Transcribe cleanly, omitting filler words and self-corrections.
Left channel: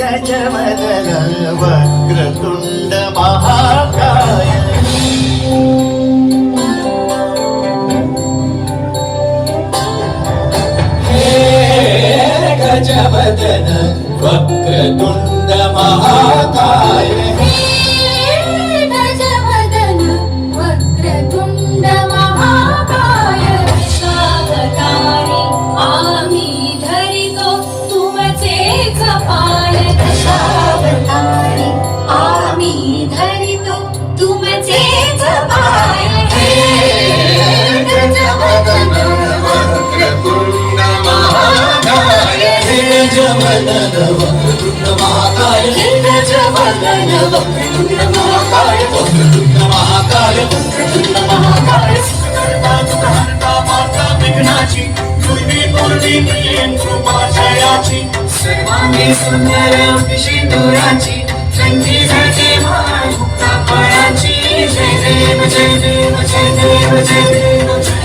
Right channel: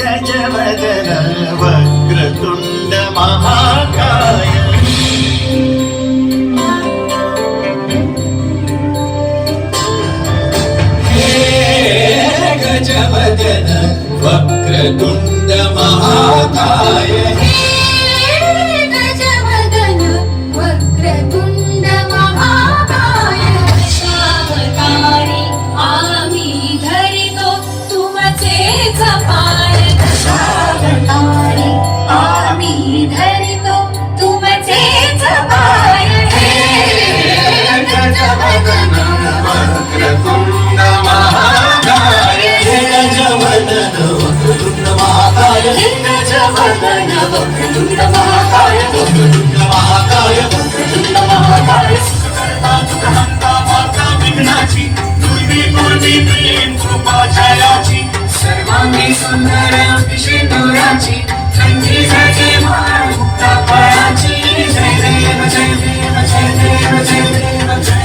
गजवदन वक्रतुंड महाकाय गजवदन वक्रतुंड महाकाय गजवदन वक्रतुंड महाकाय दशावतारी आम्ही धरितो तुमचेच पाय दशावतारी आम्ही धरितो तुमचेच पाय गजवदन वक्रतुंड महाकाय गजवदन वक्रतुंड महाकाय गजवदन वक्रतुंड महाकाय वक्रतुंड महाकाय वक्रतुंड महाकाय सुकर्ता दुःखहर्ता माता विघ्नाची दुर्वी पूर्वी प्रेम कृपा जयाची सर्वांगी सुंदर पिशिंदुराची संधी झाची माता फळाची जय देव जय देव जय देव जय देव जय